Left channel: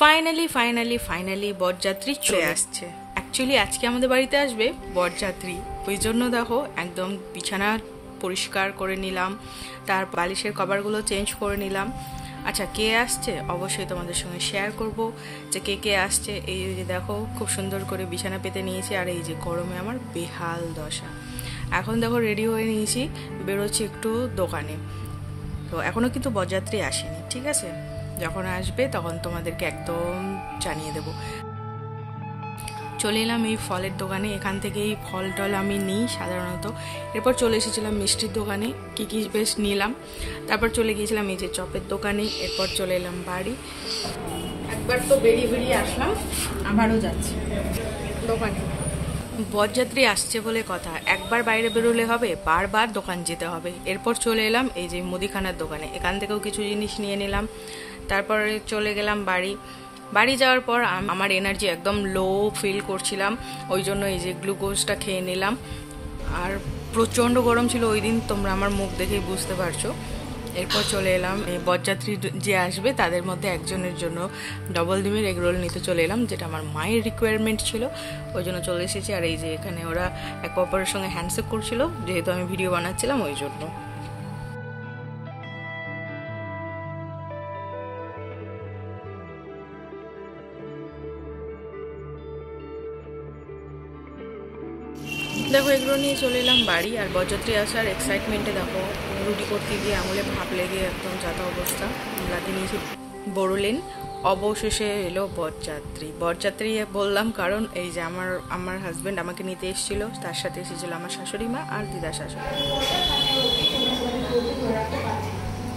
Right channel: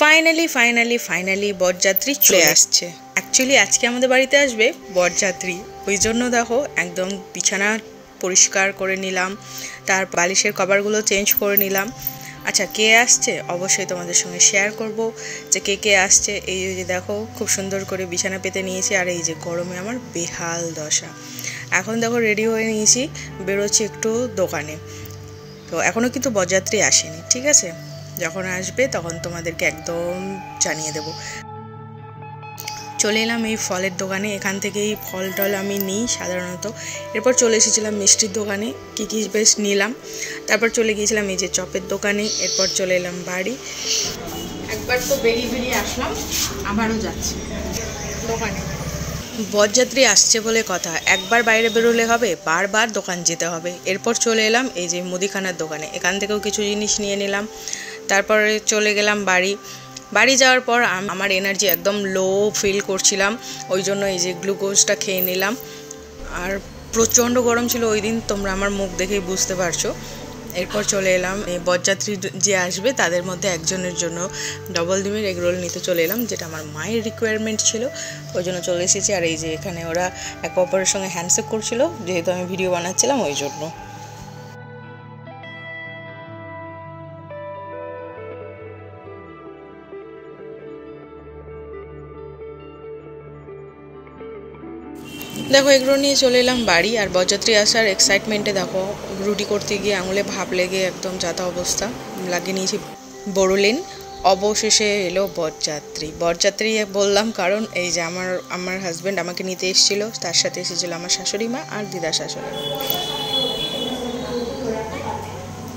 Finally বরযাত্রী চলে আসছে। অ্যাকচুয়ালি আজকে আমাদের বাড়িতে আসবে বরযাত্রী, ওই জন্য দেখো একদম বিছানা পরিষ্কার করে নিলাম, তার বালিশের কভারগুলো চেঞ্জ করে নিলাম। আচ্ছা, কে আসছে অবশ্যই তোমাদের সঙ্গে শেয়ার করব যে কে আসছে। এই যে দেখো খুব সুন্দর করে বিছানা পেতে নিয়েছি, আর এই যে গরমে আমার বেহাল দশা। এখন দেখো রেডি হয়ে নিয়েছি, বেরোচ্ছি একটু দোকানে। তো এখনও কিন্তু বরযাত্রী আসেনি, ঠিক আছে? যখন আসবে তখন তোমাদেরকে একদম জানিয়ে দেব। চলে এলাম এই ফলের দোকানে, এখান থেকেই ফল টল আমি নিই সাধারণত। এরপর চলে এসেছিলাম মিষ্টির দোকানে, কী বেশ নিলাম। তারপর চলে গিয়েছিলাম এই যে চপের দোকানে। এরপর চলে এলাম বাড়ি। একবার তো বেরিয়ে আসলাম, আবারও যাচ্ছি দোকানে। বরযাত্রী আসছে বলে কথা, একবার বাইরে বেরোলে হবে, বারবার দোকান যেতে হবে। এরপর চলে এলাম এই যে মুদিখানার দোকানে, এখান থেকেও কিছু জিনিস নিয়ে নিলাম। তারপরে চলে গেলাম বাড়ি যাওয়ার পর আমার এনার্জি একদম লো ফিল করছিলাম, ওই জন্য এই যে গ্লুকোজটা খেয়ে নিলাম। আর প্রচণ্ড গরম ছিল ওই দিন, তোমরা আমার মুখ দেখেই বুঝতে পারছো। এরপর চলে এলাম এই বরযাত্রী যে আসবে তাদের মধ্যে একজনের জন্য ডবল ডিমের এগ রোল নিতে চলে এলাম, যেটা আমার মায়ের রিকোয়ারমেন্ট ছিল, ওই জন্য চলে এসেছি। আর এই যে এখানে ওরা একে অপরের সঙ্গে হ্যান্ডশেক করছিল, যেহেতু আমি ভিডিও বানাচ্ছিলাম ওই জন্য। দেখো এগুলো নিয়ে চলে এলাম বাড়ি। আর বরযাত্রী আসার এক্সাইটমেন্টে দেখো রুটি করতে গিয়ে আঙুলে ভাপ লেগে একদম যাতা অবস্থা, লাগিয়ে নিয়েছি বোরোলিন। অবশেষে এলো বরযাত্রী বললাম কারণ এই যে আমার হাজব্যান্ড আমাকে নিতে এসেছিলো, তার সাথে এসেছিলো আমার শাশুড়ি মা আর দিদা শাশুড়ি।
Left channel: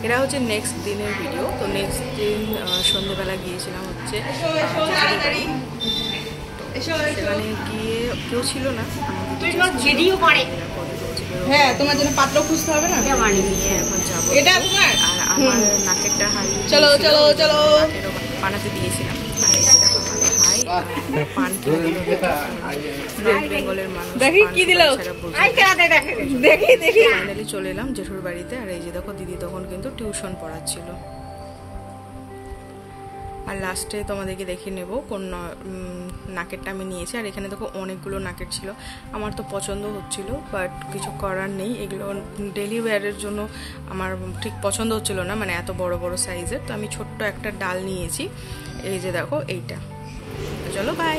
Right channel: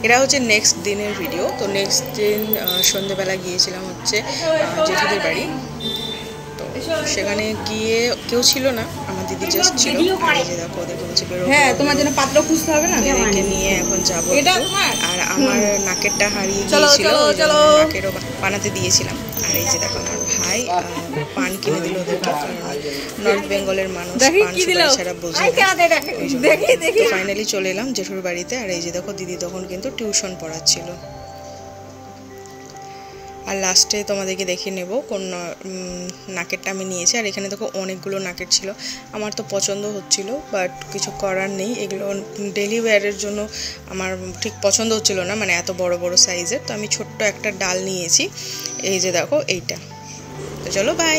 এরা হচ্ছে নেক্সট দিনের ভিডিও। তো নেক্সট দিন সন্ধ্যেবেলা গিয়েছিলাম হচ্ছে জেঠুদের বাড়ি। সেখানে গিয়ে কেউ ছিল না, আমার দিদি জাস্ট ছিল। দেখো ওদেরকে বলছে বেরো, হ্যাঁ তোমার জন্য পাত্র খুঁজতে হবে না, নিয়ে এখন যাবো। আর আমার নাকেরটা হারিয়ে গিয়েছিল, নাকেরও বানাতে দিয়েছিলাম। আর এই যে দেখো আমার ভাই পান কিনে দিল ওদেরকে, নর্থ বেঙ্গলের মানুষ ছাড়া বোঝে। ফাইনালি চলে এলাম জেঠুর বাড়িতে। আর এই যে দেখো দিদি তখন কিন্তু টিউশন পড়াচ্ছিল। আর লাস্টে তোমাদেরকে দেখিয়ে নেব কোন নাকেরটা আমি নিয়েছি। আর এখানে দেখো অনেকগুলো নাকের ছিল, আমার তো পছন্দ হচ্ছিল, বাট কিছু করার নেই। এগুলো ডেলি ওয়্যারের জন্য আমার ঠিক পছন্দ হচ্ছিল না, মানে এত বড় বড় সাইজের। তো আমি ছোট্ট একটা ডাল নিয়েছি, এই যে দেখো এইটা। তো চলো বাই।